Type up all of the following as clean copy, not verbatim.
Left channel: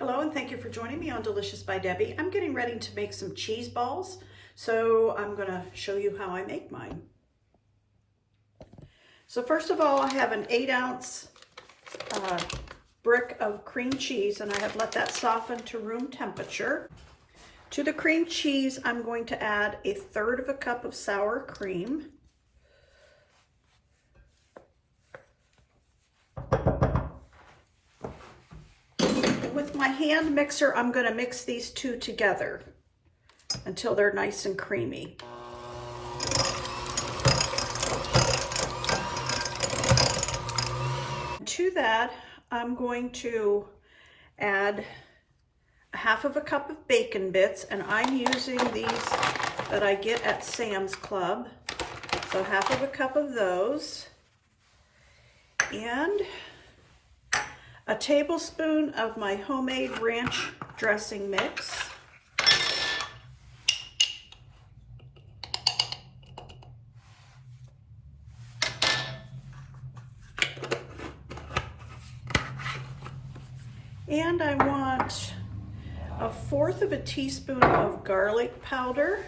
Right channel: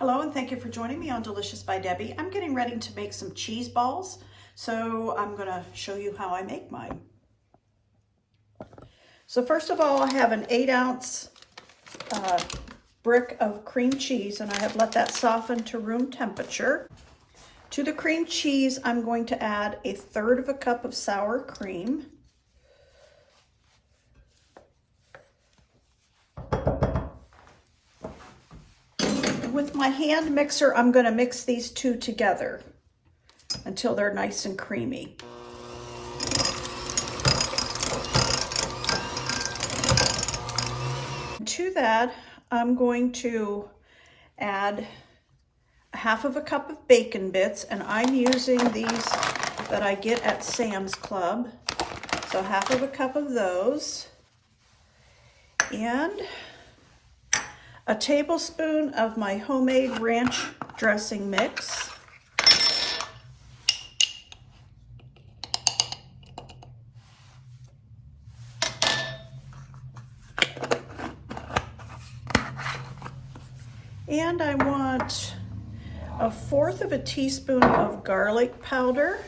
Hello and thank you for joining me on Delicious by Debbie. I'm getting ready to make some cheese balls, so I'm going to show you how I make mine. So first of all, I have an 8-ounce brick of cream cheese, and I have let that soften to room temperature. To the cream cheese, I'm going to add 1/3 cup of sour cream. With my hand mixer, I'm going to mix these two together until they're nice and creamy. To that, I'm going to add 1/2 cup of bacon bits, and I'm using these that I get at Sam's Club. So 1/2 cup of those, and a tablespoon of my homemade ranch dressing mix. And I want 1/4 teaspoon of garlic powder.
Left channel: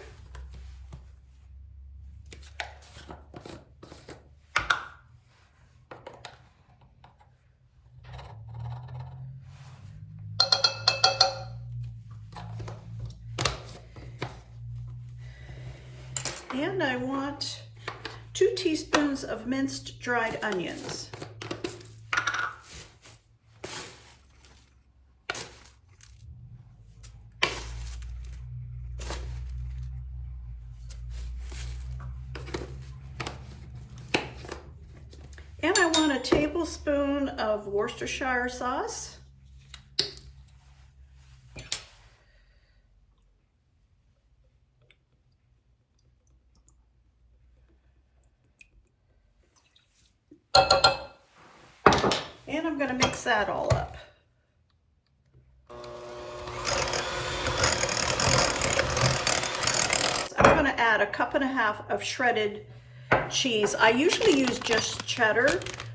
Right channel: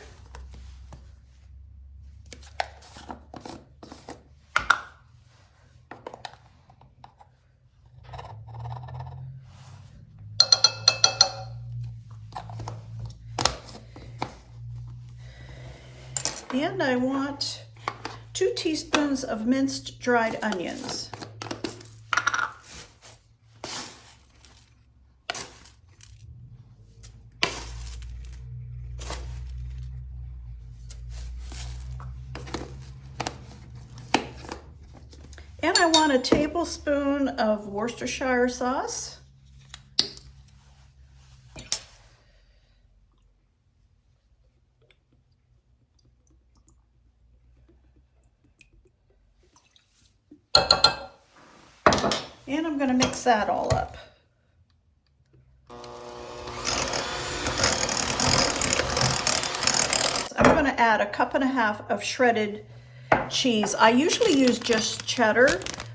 And I want 2 teaspoons of minced dried onions. And I want a tablespoon of Worcestershire sauce. And I'm going to mix that all up. I'm going to add 1.5 cups of shredded cheese. I usually use just cheddar,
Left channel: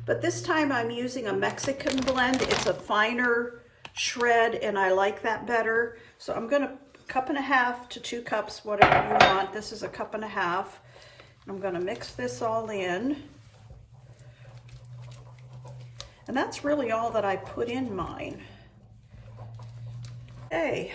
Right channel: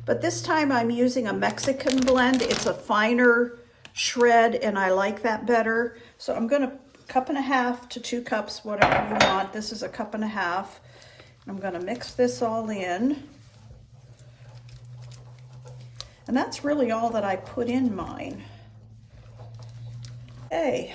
but this time I'm using a Mexican blend. It's a finer shred, and I like that better. So I'm going to 1.5 to 2 cups, whatever you want. This is 1.5 cups. I'm going to mix this all in. And that's really all that I put in mine. Okay,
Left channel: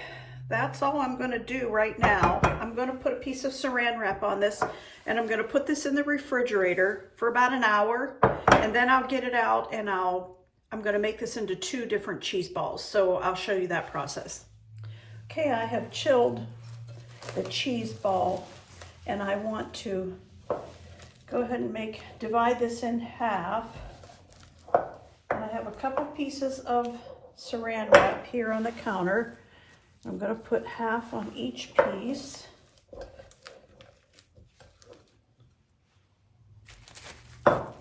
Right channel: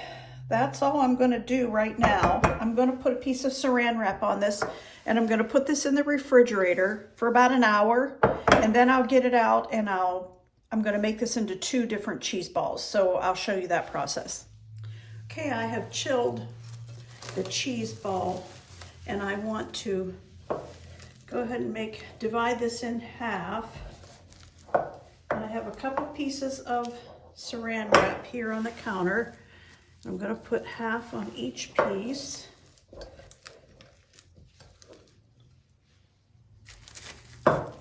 that's all I'm going to do right now. I'm going to put a piece of saran wrap on this, and I'm going to put this in the refrigerator for about an hour, and then I'll get it out, and I'm going to make this into 2 different cheese balls. So I'll show you that process. Okay, I have chilled the cheese ball, and I want to go ahead and divide this in half. And I have a couple pieces of saran wrap here on the counter. I'm going to put half on each piece. Oh,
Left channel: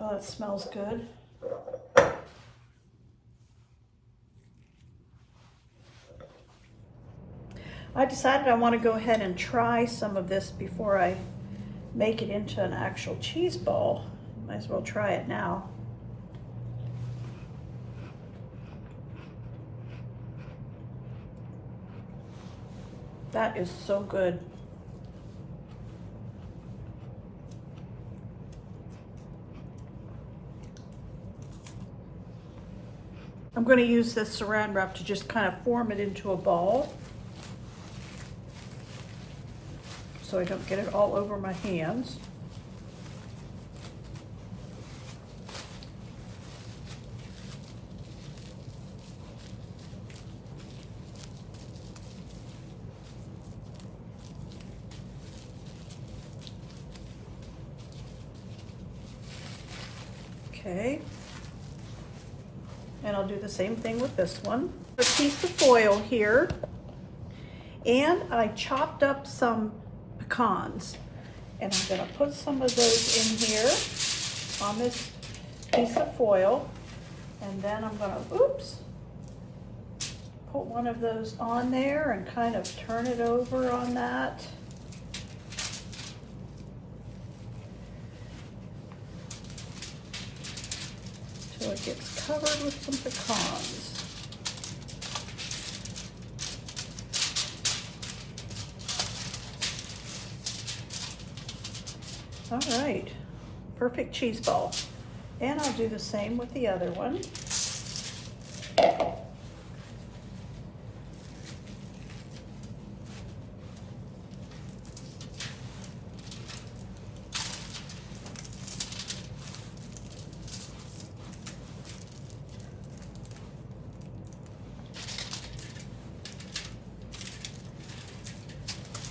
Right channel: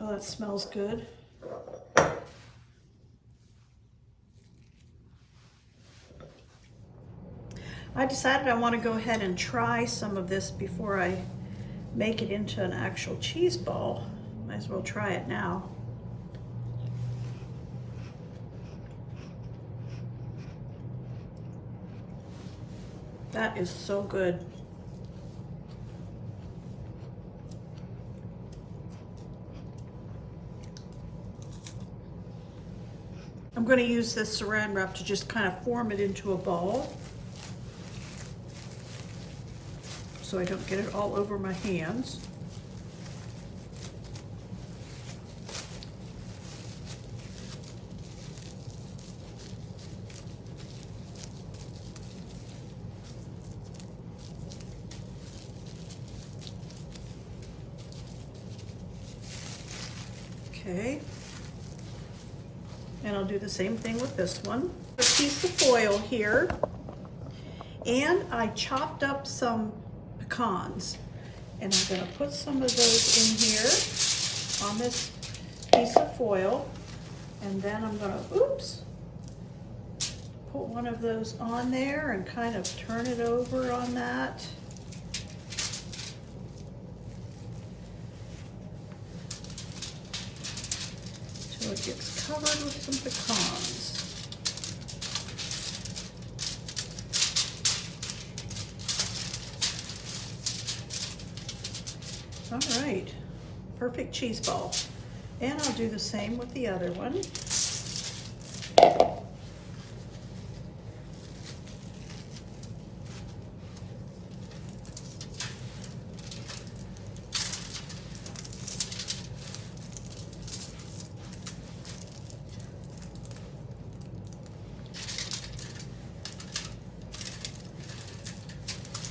that smells good. I decided I want to go ahead and try some of this before I make it into an actual cheese ball. Might as well try it now. That is so good. I'm going to use this saran wrap to just kind of form it into a ball, so I don't get it all over my hands. Okay, and I'll do the same thing with this one. A piece of foil here, and I chopped up some pecans, and I'm going to put some of those in here on this piece of foil, and then I'm going to, put one of those on there and kind of turn it over on that. It gets covered with some pecans. All right, perfect cheese ball. And I'll do the same with the other one.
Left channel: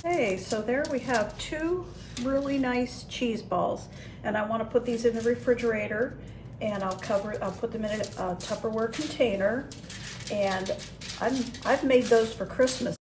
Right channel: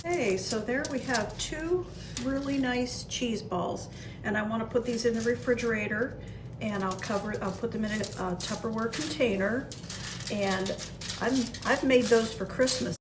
Okay, so there we have two really nice cheese balls, and I want to put these in the refrigerator, and I'll put them in a Tupperware container, and I've made those for Christmas.